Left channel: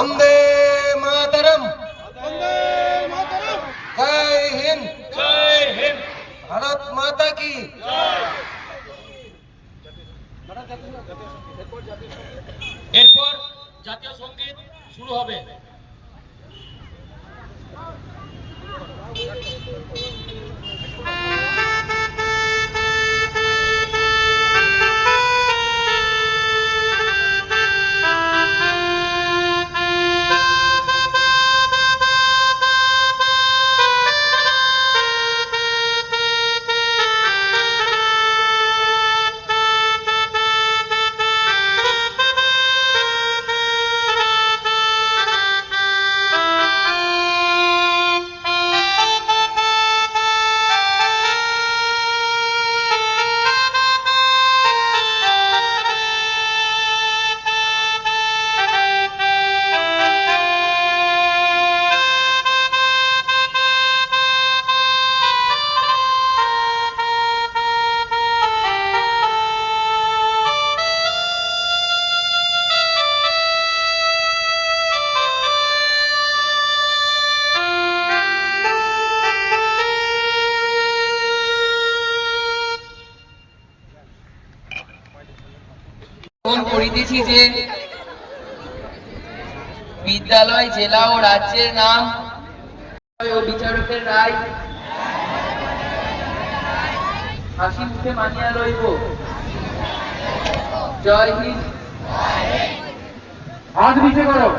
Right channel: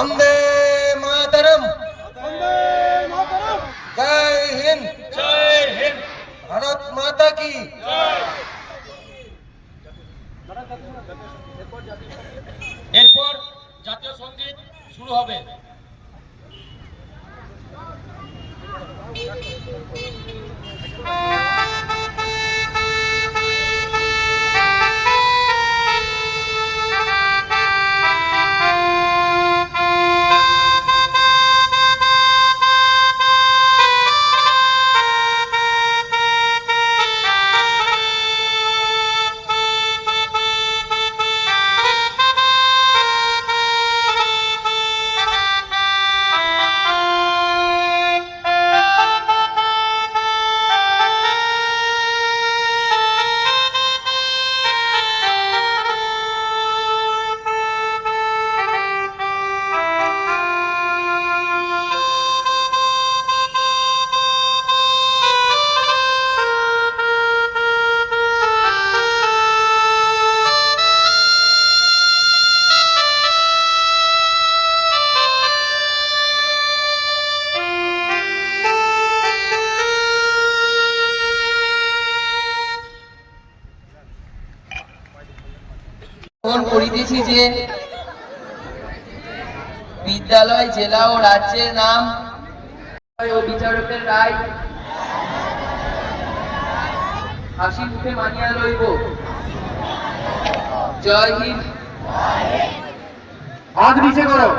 वंदे मातरम। वंदे मातरम। जय हिंद। जय हिंद। भारत माता की এরপর জাতীয় সঙ্গীত শুরু হবে। এখন পড়িতেছি যে বিদ্যালয়, জেলা ও রাজ্যের নাম ও বিচারকের রায় হাসি মুখে মানিয়া লইব। জয় হিন্দ। হাত নিচে করো।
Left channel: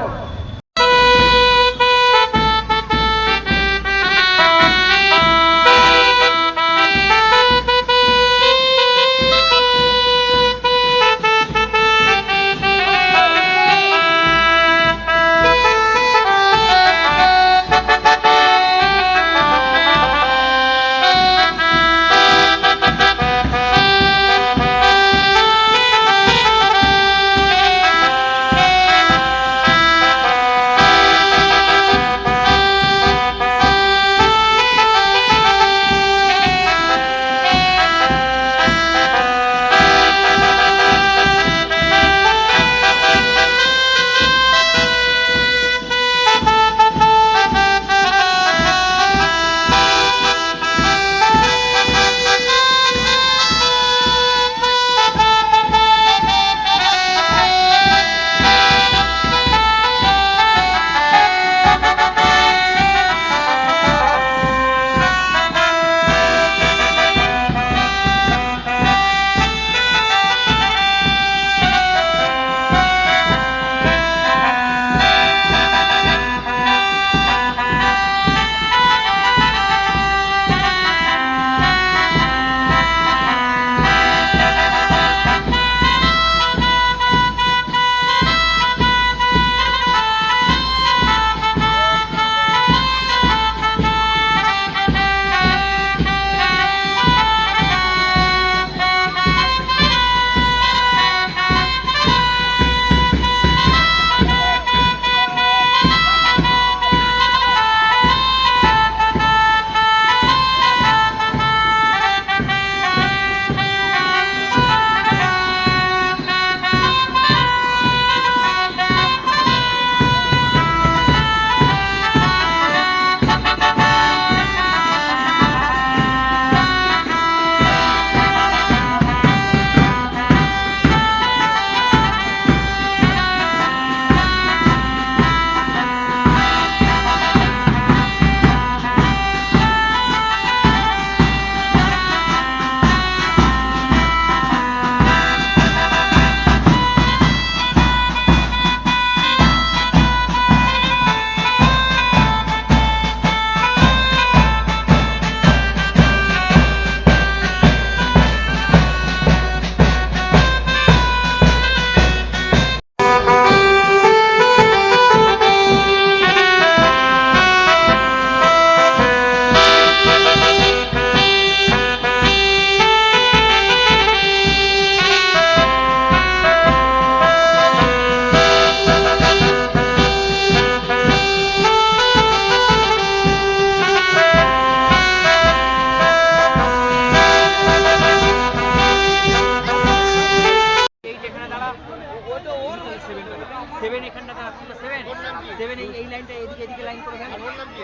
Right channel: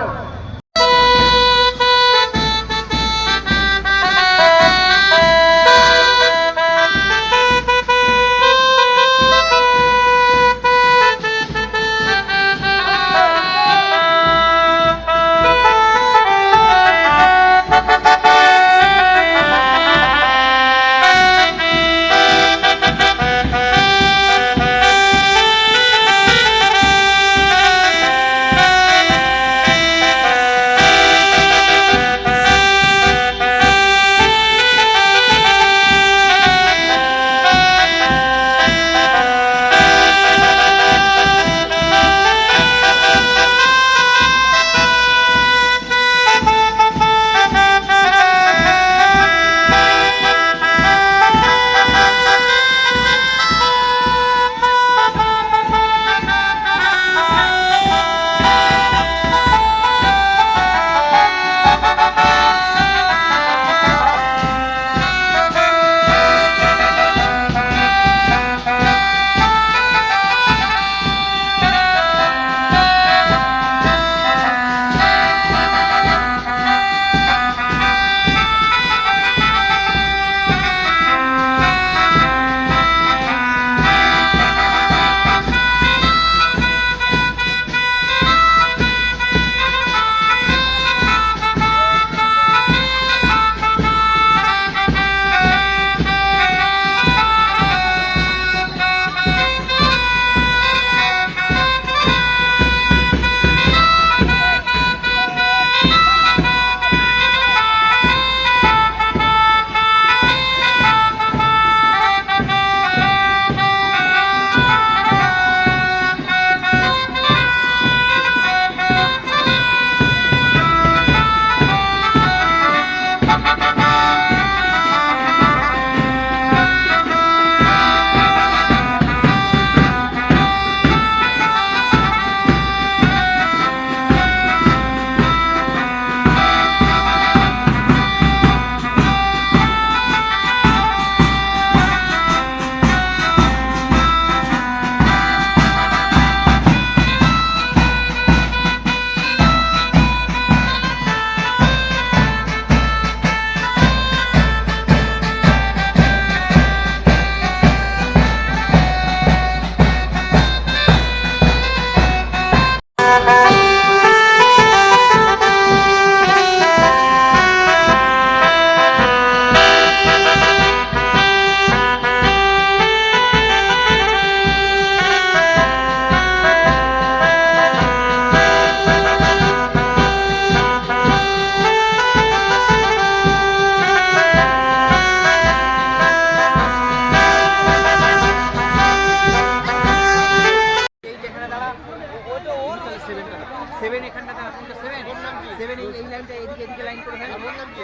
এই লাইনটা এদিকে এদিকে লাইন করে ফেল। আমার নাম কি?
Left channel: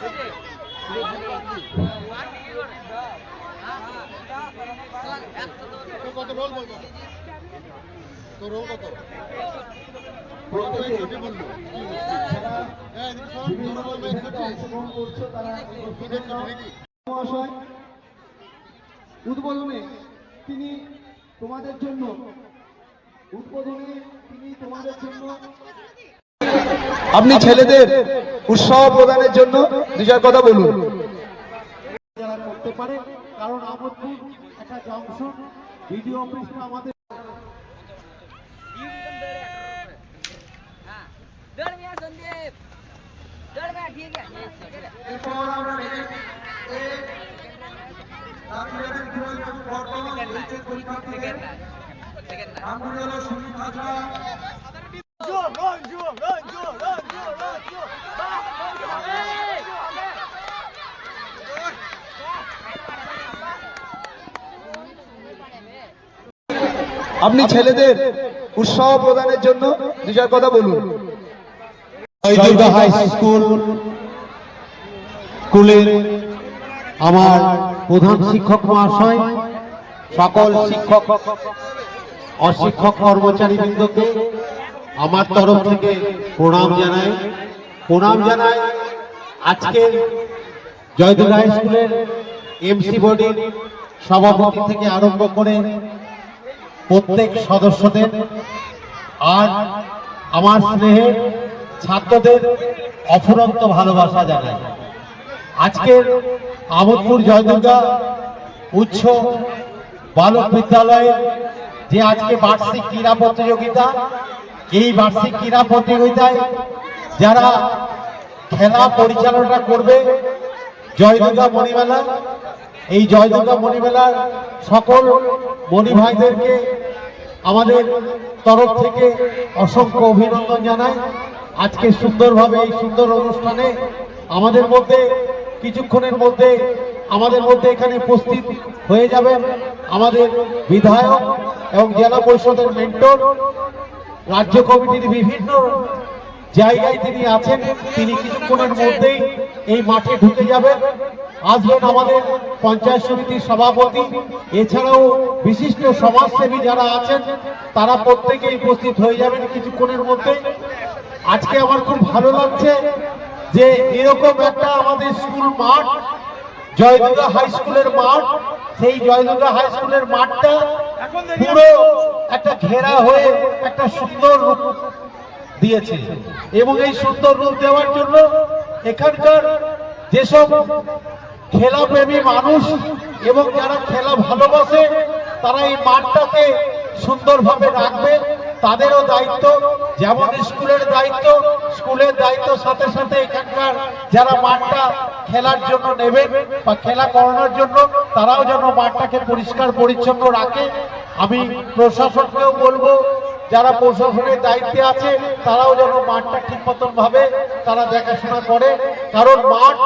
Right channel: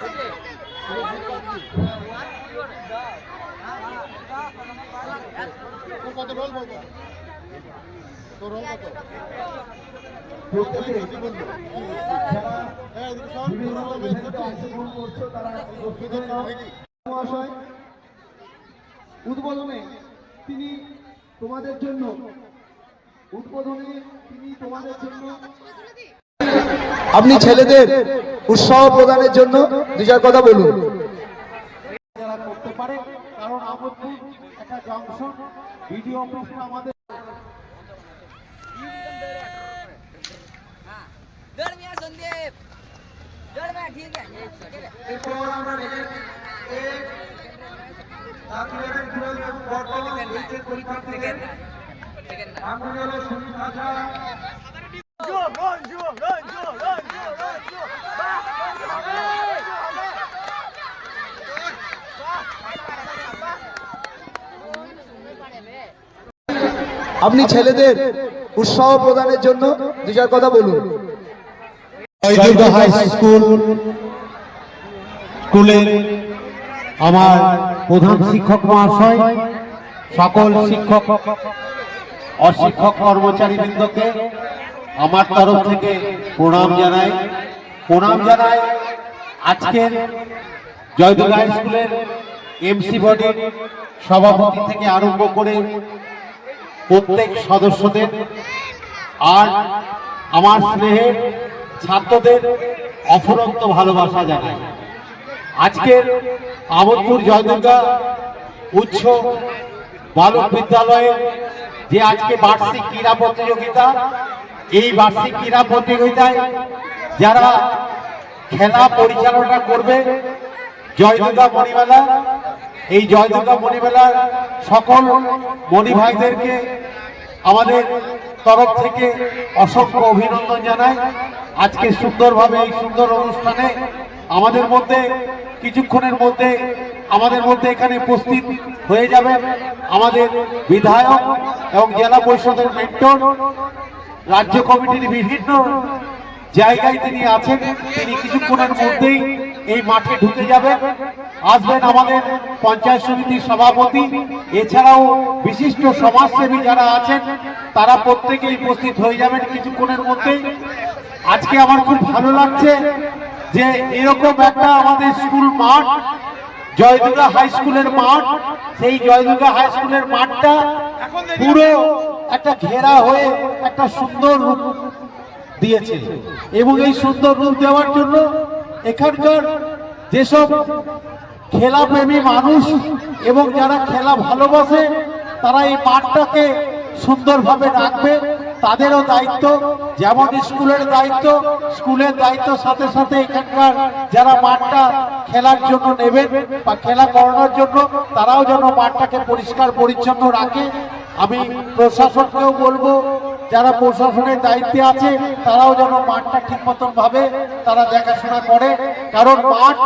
বুঝলে? তো কত রোল বল কত? তো রোল কত? ছুটি বললো কি বুঝলি? হ্যাঁ এদিকে সব তোর নামে ছুটি মহাশয় উদ্বোধনে তিনি তোমাদের জন্য আপনি ছেলেদের উৎসাহ প্রদানের জন্য দুজার কথা বলুন। যারা করতে পারে কারণ আমাদের একটা জংশন ভিডিও অফিসে আমাদের दौड़ में संदीप दौड़ में ठीक है আপনি ছেলেদের উৎসাহ প্রদানের জন্য দুজার কথা বলুন। জয়দুর্গা হাই স্কুলের আমার প্রধান শিক্ষক মহাশয়, সকল শিক্ষক অশিক্ষক কর্মচারীবৃন্দকে আমার তরফ থেকে প্রণাম জানাই। আজকের জয়দুর্গা হাই স্কুলের এমসি বডির সভাপতি থেকে আরম্ভ করে প্রত্যেক সদস্যদের আর আমার স্নেহের ছাত্রদের অফুরন্ত ভালোবাসা জানাই। আজকের আমোদপুর জয়দুর্গা উচ্চ বালক বিদ্যালয়ে যে আজকে বার্ষিক ক্রীড়া প্রতিযোগিতা, এই বার্ষিক ক্রীড়া প্রতিযোগিতায় যারা খেলা পরিচালনা করবে জয়দুর্গা মণিমেলা, এই জয়দুর্গা মণিমেলার সকল মণি ভাইদেরকে আমাদের তরফ থেকে অসংখ্য অভিনন্দন জানাই। আজকে সুন্দরভাবে এই সুন্দর অনুষ্ঠানে আমাদের মধ্যে কিছুক্ষণের মধ্যে এখানে উপস্থিত হয়ে যাবেন আমাদের বিধায়ক এবং জেলা পরিষদের মেন্টর, রাজ্য কমিটির বিভিন্ন জায়গায় তিনি আছেন। তিনি কিছুক্ষণের মধ্যেই এই মাঠে ঢুকে যাবেন। আসবেন আমাদের পঞ্চায়েত সমিতির সভাপতি, এছাড়াও বিশিষ্ট সমাজসেবী যারা আছেন তারা প্রত্যেকেই উপস্থিত হয়ে যাবেন কিছুক্ষণের মধ্যে। আজকে আমার খুব ভালো লাগছে যে এরকম একটা আমাদের স্কুল মাঠ, জয়দুর্গা হাই স্কুলের মাঠ, সেই জয়দুর্গা হাই স্কুলের মাঠটা পুরো একটা ঘেরা হয়ে একটা সুন্দর রূপ দিয়েছে এবং এই সুন্দর রূপ দেওয়ার জন্য এখানকার যেসব খেলাপ্রেমী মানুষ এবং যারা খেলা ভালোবাসে তারা এই মাঠটাকে সুন্দরভাবে রাখবে। তাদেরও দায়িত্ব, যেমন স্কুলের দায়িত্ব সাথে সাথে এখানকার যারা মাঠটা খেলার জন্য নেবেন বা খেলা করানোর জন্য তারাও যেন মাঠটাকে পরিষ্কার পরিচ্ছন্ন রাখে। আমি প্রশাসনকেও বলবো, যারা প্রশাসনের দায়িত্বে আছে তারাও যেন মাঠটা ঠিক মতন ভাবে তারা দেখাশোনা করে, কারণ মাঠ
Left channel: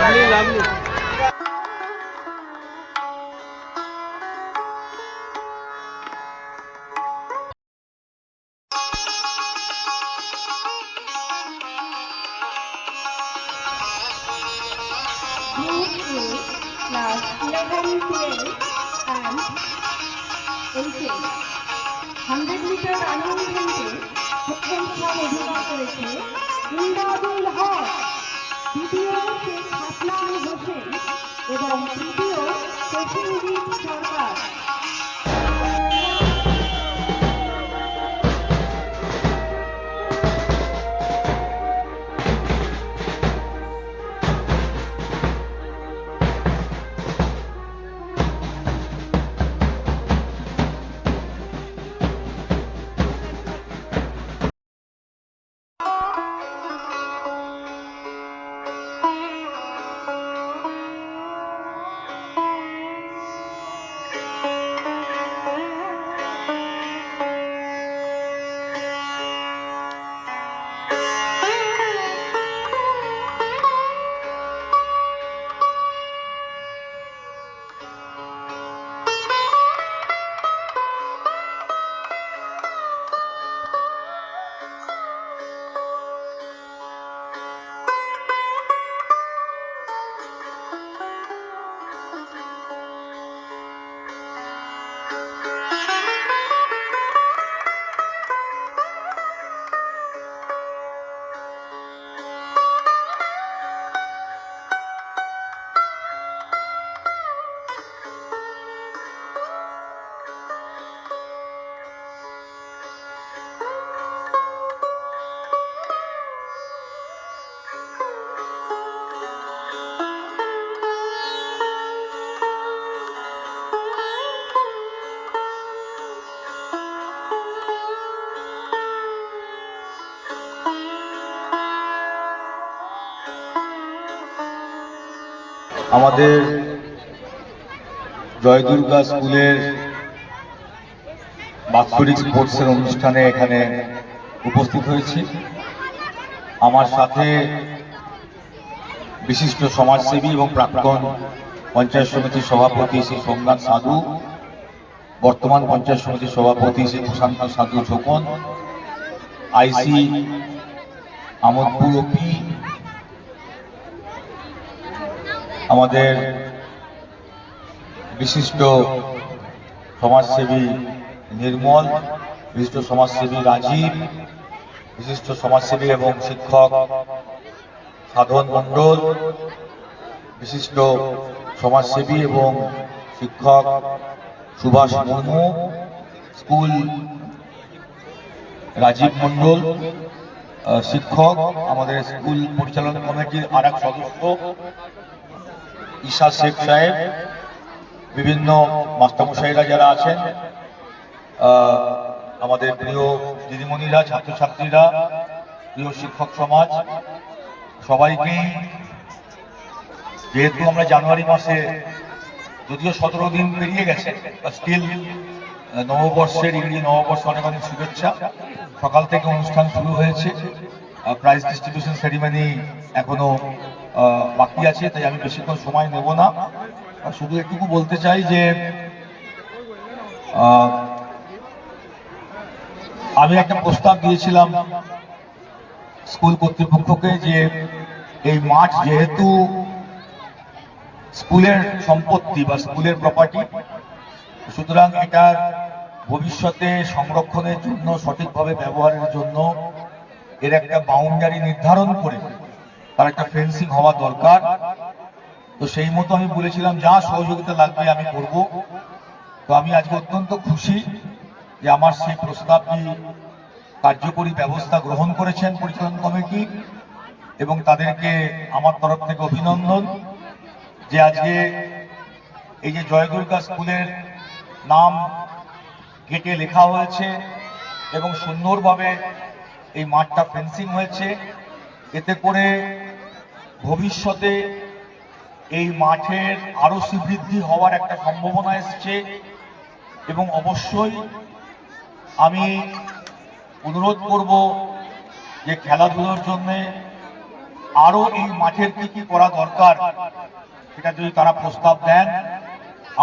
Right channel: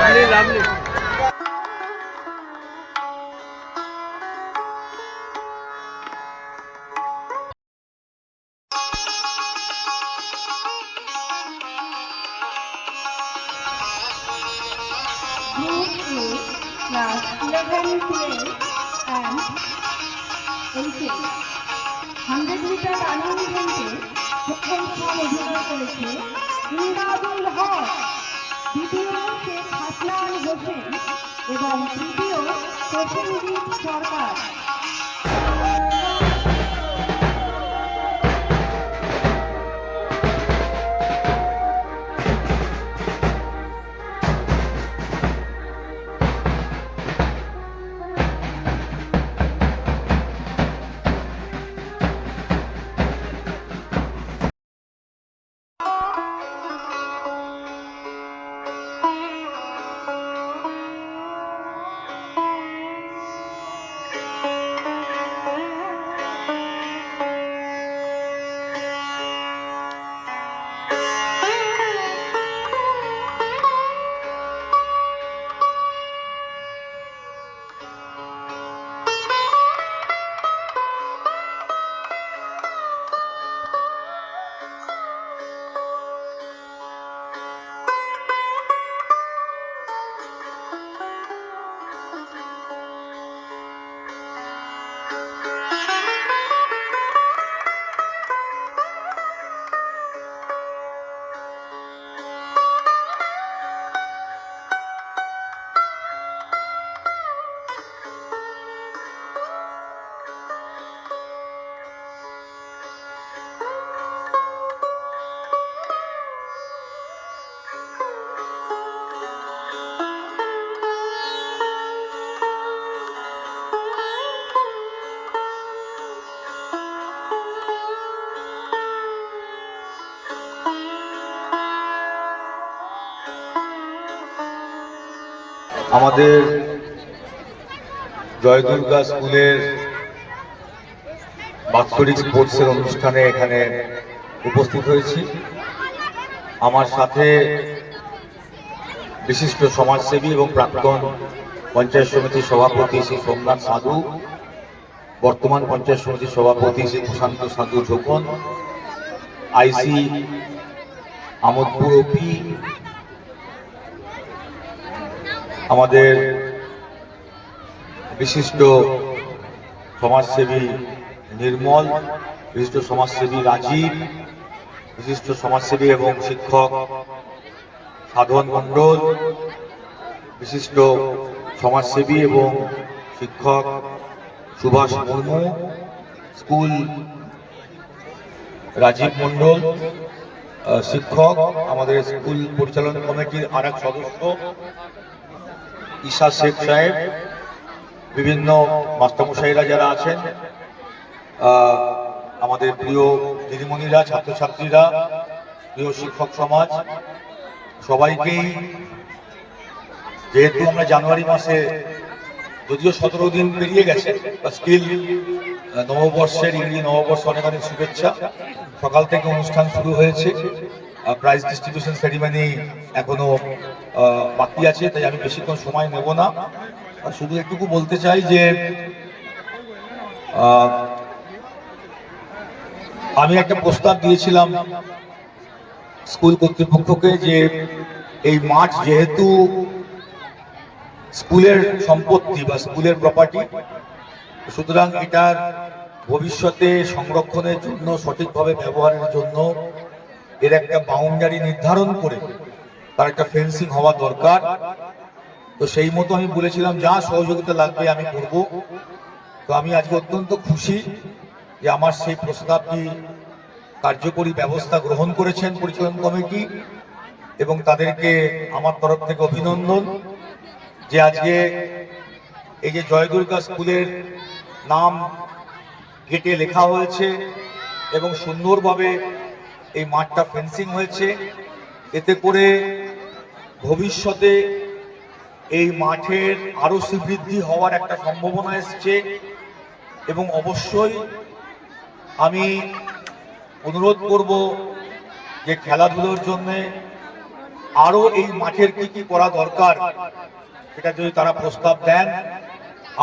Group A, class 11, 12 and 18. 100 metre running ইভেন্টে প্রথম স্থান অধিকার করেছে ইন্দ্রাবুল হক, দ্বিতীয় শেখ হাসনান হোসেন এবং তৃতীয় প্রসেনজিৎ সরকার। আমাদের জয় দুর্গা স্কুলের বাৎসরিক স্পোর্টসের অনুষ্ঠানে এখানে উপস্থিত হয়েছি। আমার সাথে বিশিষ্ট সমাজসেবী এবং প্রাক্তন পঞ্চায়েত সমিতির সভাপতি শ্রী সোমনাথ সাধু, বর্তমান পঞ্চায়েত সমিতির সভাপতি শ্রী প্রশান্ত সাধু ঝোপন, আইসি আমোদপুর ওপি, আমাদের বিশিষ্ট সমাজসেবী নির্মল, বিশিষ্ট সমাজসেবী রাজীব, বিশিষ্ট সমাজসেবী এবং শিক্ষক সাধন মণ্ডল, বিশিষ্ট সমাজসেবী এবং শিক্ষক সুভাষ মুর্মু, স্কুল রাজীব মণ্ডল, শিক্ষক, আমাদের স্কুল পরিচালনা কমিটির আরেক সদস্য ঈশা শেখ সাহেব, বিভিন্ন মাস্টারমশাইরা যারা আছেন, আমাদের প্রিয় দিদিমণিরা, ছাত্রছাত্রীরা, প্রিয় শিক্ষক সমাজ, সবাইকেই, যেহেতু আমরা জানুয়ারি মাসে, যদিও 17 দিন পেরিয়ে গেছে, স্টিল নববর্ষের, ইংরেজি নববর্ষ অনেক অনেক শুভেচ্ছা। সকাল থেকে অনুষ্ঠান শুরু হয়েছে, প্রাইজ ডিস্ট্রিবিউশন সেরিমনি এখনো বাকি আছে, তাই আমি বেশিক্ষণ সময় নেব না। শুধু একটুকু বলতে চাই যে আমি একটা প্রস্তাব দিয়েছিলাম স্কুল কর্তৃপক্ষকে যে এই মাঠ যেহেতু স্কুলের সম্পত্তি বা স্কুলের প্রপার্টি, সুতরাং এটার ভবিষ্যতে সংরক্ষণের জন্য, সঠিকভাবে ব্যবহারের জন্য এর একটা বাউন্ডারি নির্ধারণ করে তার একটা ফেন্সিং হওয়া দরকার। তো সেই মতো আমি বলেছিলাম যা সহযোগিতা লাগবে আমি করব। তো আমি আজকে অত্যন্ত খুশি যে আমার সেই প্রস্তাবটি কার্যকরী ব্যবস্থা গ্রহণ করেছেন পরিচালন কমিটি, এবং তাদেরকে আমার তরফ থেকে অভিনন্দন যে আজকে এই যে জয় দুর্গা স্কুলের নাম গেটে লেখা হয়েছে এবং সুন্দরভাবে এই মাঠটা ফেন্সিং হয়েছে। এতে করে ভবিষ্যতে এই মাঠের আরো সমৃদ্ধি হওয়ার একটা সম্ভাবনা এসছে, এবং অবশ্যই আমি অনুরোধ করব যে খেলাধুলোর জন্য আরো এই মাঠের কি কি করা দরকার সেটা যদি তারা প্রস্তাব দেন,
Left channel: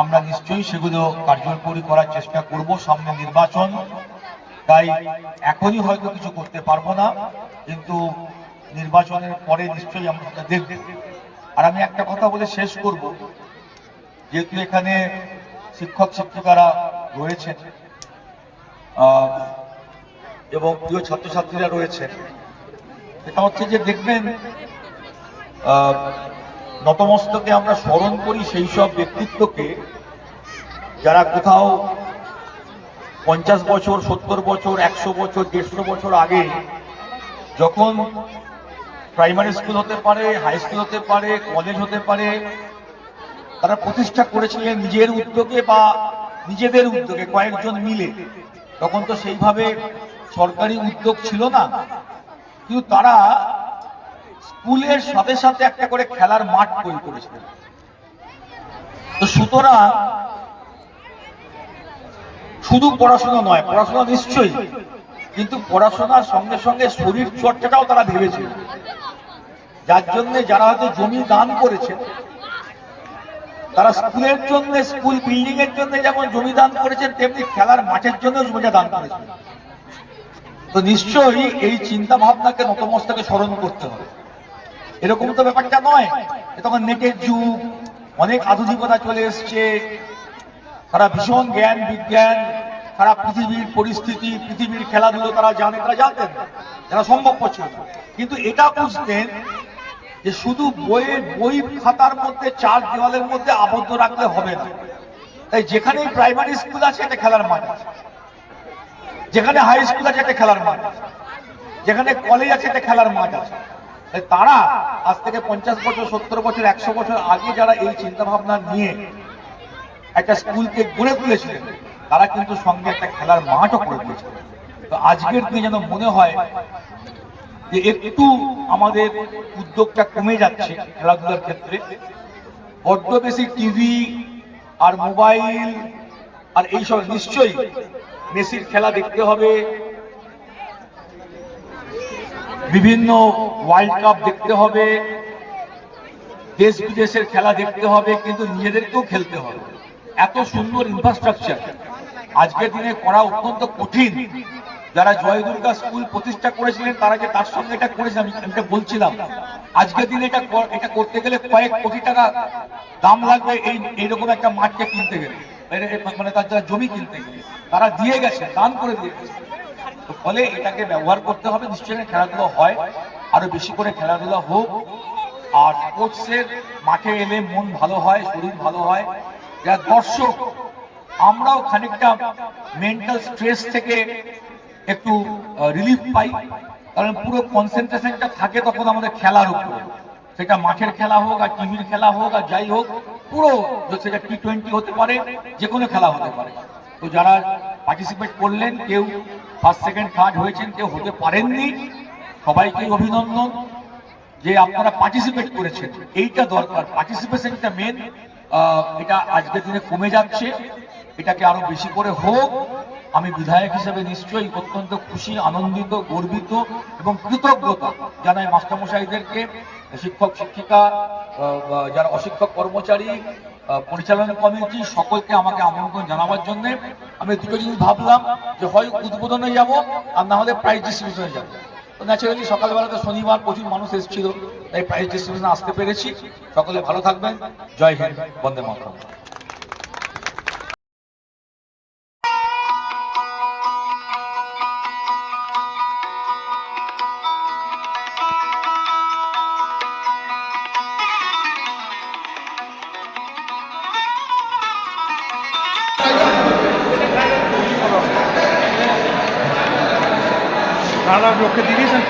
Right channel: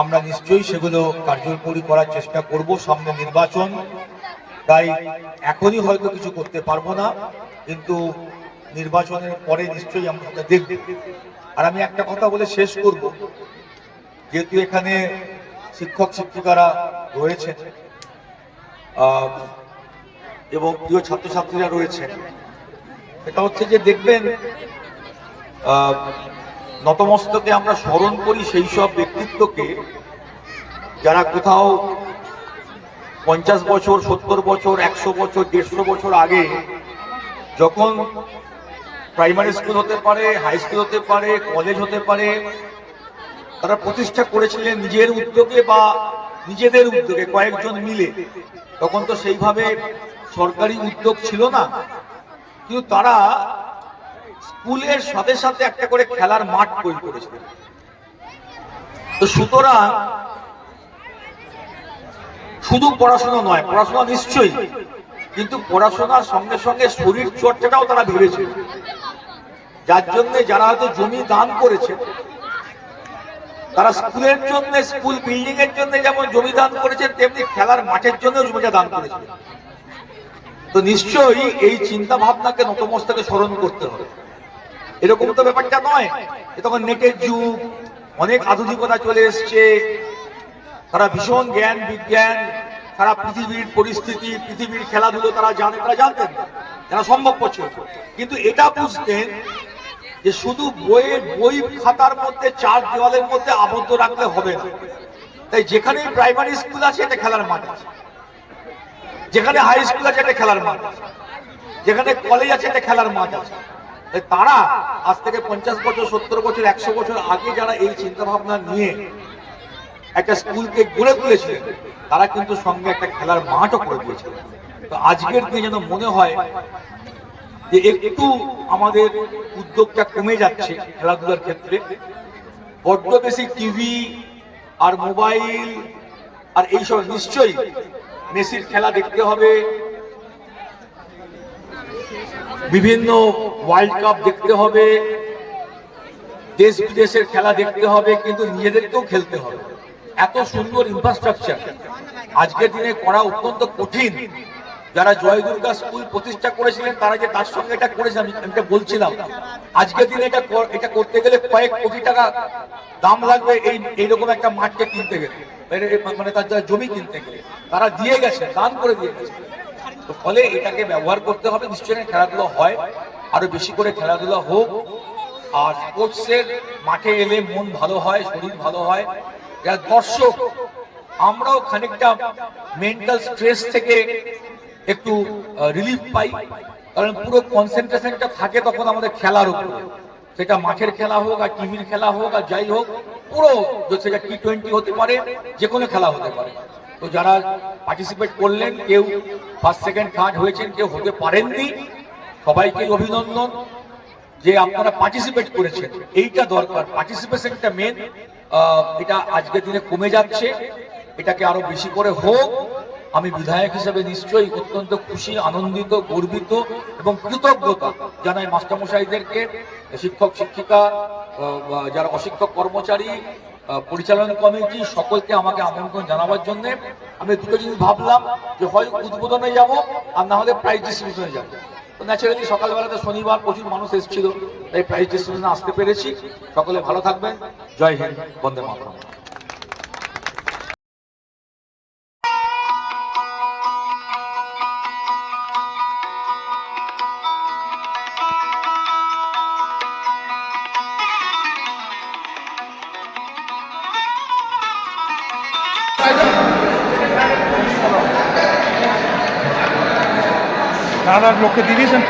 আমরা নিশ্চয়ই সেগুলো কার্যকরী করার চেষ্টা করব। সামনে নির্বাচন, তাই এখনই হয়তো কিছু করতে পারবো না, কিন্তু নির্বাচনের পরে নিশ্চয়ই আমরা সেটা দেখব। আর আমি একটা কথা বলে শেষ করব, যেহেতু এখানে শিক্ষক শিক্ষিকারা রয়েছেন এবং প্রিয় ছাত্রছাত্রীরা রয়েছেন, এটা হচ্ছে যে দেখবেন নতমস্তকে আমরা স্মরণ করি সেই সব ব্যক্তিত্বকে যারা কোথাও 50 বছর, 70 বছর, 100 বছর, 150 বছর আগে যখন প্রাইমারি স্কুল হতে পারে, হাই স্কুল হতে পারে, কলেজ হতে পারে, তারা প্রতিষ্ঠা করেছিলেন নিজের উদ্যোগে বা নিজেদের উদ্যোগে কয়েকজন মিলে। তখন তো সেইভাবে সরকারি উদ্যোগ ছিল না, কিন্তু তারা স্কুলের সাথে সাথে একটা করে খেলার মাঠ তৈরি করেছিলেন। তো সুতরাং শুধু পড়াশোনা নয়, পড়াশোনা নিশ্চয়ই, কিন্তু পড়াশোনার সঙ্গে সঙ্গে শরীর চর্চাটাও তারা ভেবেছে, যার জন্য যারা হয়তো জমি দান করেছে তারা স্কুলের জন্য, স্কুল বিল্ডিং এর জন্য যেমন জমি দান করেছেন, তেমনি খেলার মাঠের জন্য জমিটা দান করেছেন। তো নিশ্চয়ই এই চিন্তা ভাবনাকে নতমস্তকে স্মরণ করতে হবে। এরকম তো ব্যাপারটা নয়, তখন নেটের যুগ, অনেক আধুনিকতা চলে এসছে, তারা ভীষণ জ্ঞান বিজ্ঞান, সারা পৃথিবীর পরিস্থিতি, পৃথিবীর খেলাধুলো তারা জানতেন, যারা সম্ভব ছিল। কিন্তু এটা বুঝতেন যে শুধু বই খাতার মধ্যে, চার দেওয়ালের মধ্যে আবদ্ধ রাখলে হবে না। তাই যেখানে প্রাইমারি স্কুল আছে এটা খেলার মাঠ আছে, যেখানে হাই স্কুল আছে এটা খেলার মাঠ আছে, যেখানে কলেজ আছে এটা খেলার মাঠ আছে। তারা আজ থেকে 50 বছর, 70 বছর, 100 বছর আগে যারা এই চিন্তা ভাবনা নিয়ে একটা স্কুলকে গড়ে তুলেছিলেন, তারা কিন্তু সঙ্গে একটা খেলার মাঠও করে দিয়েছিলেন। তো আজকের দিনে যেন মনে হয় যে একটু আমাদের উদ্যোগটা কমে যাচ্ছে খেলাধুলার ক্ষেত্রে। বড্ড বেশি টিভি আর মোবাইল আর এইসব, নিশ্চয়ই মেসির খেলা দেখতে হবে, বিভিন্ন ওয়ার্ল্ড কাপ দেখতে হবে, দেশ বিদেশের খেলা দেখতে হবে, কিন্তু নিজেদেরকেও খেলতে হবে। এত সুন্দর ইনফ্রাস্ট্রাকচার আজকের দিনে করা অত্যন্ত কঠিন। যারা জয় দুর্গা স্কুল প্রতিষ্ঠা করেছিলেন তারা যে তার সঙ্গে এটা করেছে, আমি এটা বলছিলাম, আজকের দিনে এটা করতে গেলে কয়েক কোটি টাকা দাম লাগবে এইরকম একটা মাঠকে কিনতে গেলে, মানে তার জমি কিনতে গেলে। তারা দিয়ে গেছে, দান করে দিয়ে গেছে। তো ফলে এটাকে ব্যবহার করতে হবে। নিশ্চয়ই খেলাধুলো হয়, আরো বেশি করে খেলাধুলা হোক। আর স্পোর্টসের মাঠে এলে মন ভালো হয়, শরীর ভালো হয়। যারা দর্শক, আমরাও খানিকটা মেন্টাল স্ট্রেস থেকে একটু রিলিফ পাই, কারণ পুরো কনসেন্ট্রেশনটা থাকে তখন আমাদের খেলার উপরে। সেটা মাঠের খেলা হোক আর টিভির খেলা হোক আর যাই হোক, পুরো সেটা T20 হতে পারে, যে কোনো খেলা হতে পারে। তো যারা পার্টিসিপেট করলেন, কেউ ফার্স্ট সেকেন্ড থার্ড হয়েছেন, কেউ হতে পারেননি, সবাইকেই অভিনন্দন যে আপনারা পার্টিসিপেট করেছেন। এইটা দরকার, পার্টিসিপেশনটা মেন। এটা আজকের দিনে কমে যাচ্ছে, এটাকে আরো বেশি করে হোক। আমি বিধায়ক হিসেবে নিশ্চয়ই অত্যন্ত খুশি, আনন্দিত, গর্বিত এবং কৃতজ্ঞতা জানাই মাস্টারমশাইদেরকে, শিক্ষক শিক্ষিকা, যারা অশিক্ষক কর্মচারী, পরিচালনা কমিটি, সকলকে আমাকে আমন্ত্রণ জানাবার জন্য। আমি দুটো জিনিস ভাবলাম, যে হয় উদ্বোধনে যাব আর না হলে প্রাইজ ডিস্ট্রিবিউশনে যাবো। তো ন্যাচারালি সকালবেলাতে শনিবার প্রচুর মানুষ এসেছিল, তাই প্রাইজ ডিস্ট্রিবিউশনে আসতে পেরেছি। সকলে ভালো থাকবেন। জয় হিন্দ, বন্দে মাতরম। নানার লক্ষ্যে দিয়েছেন।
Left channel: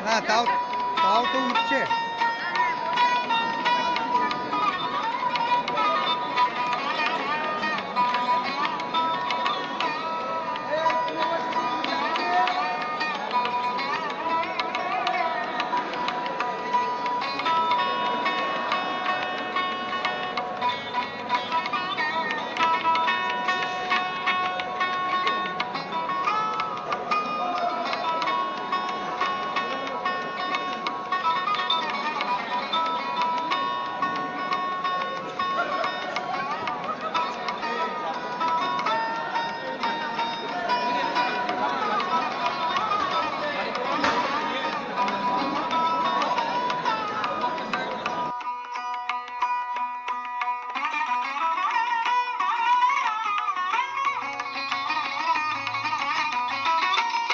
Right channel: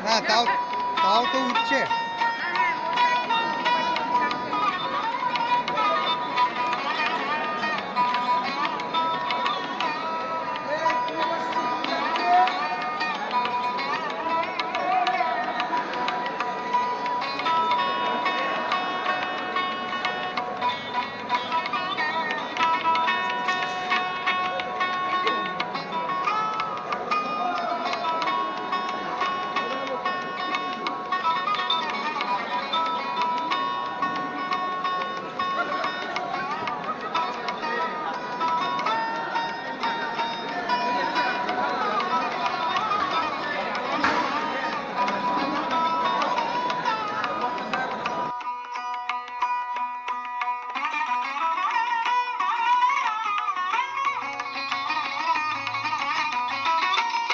না তাও তাও তো উঠছে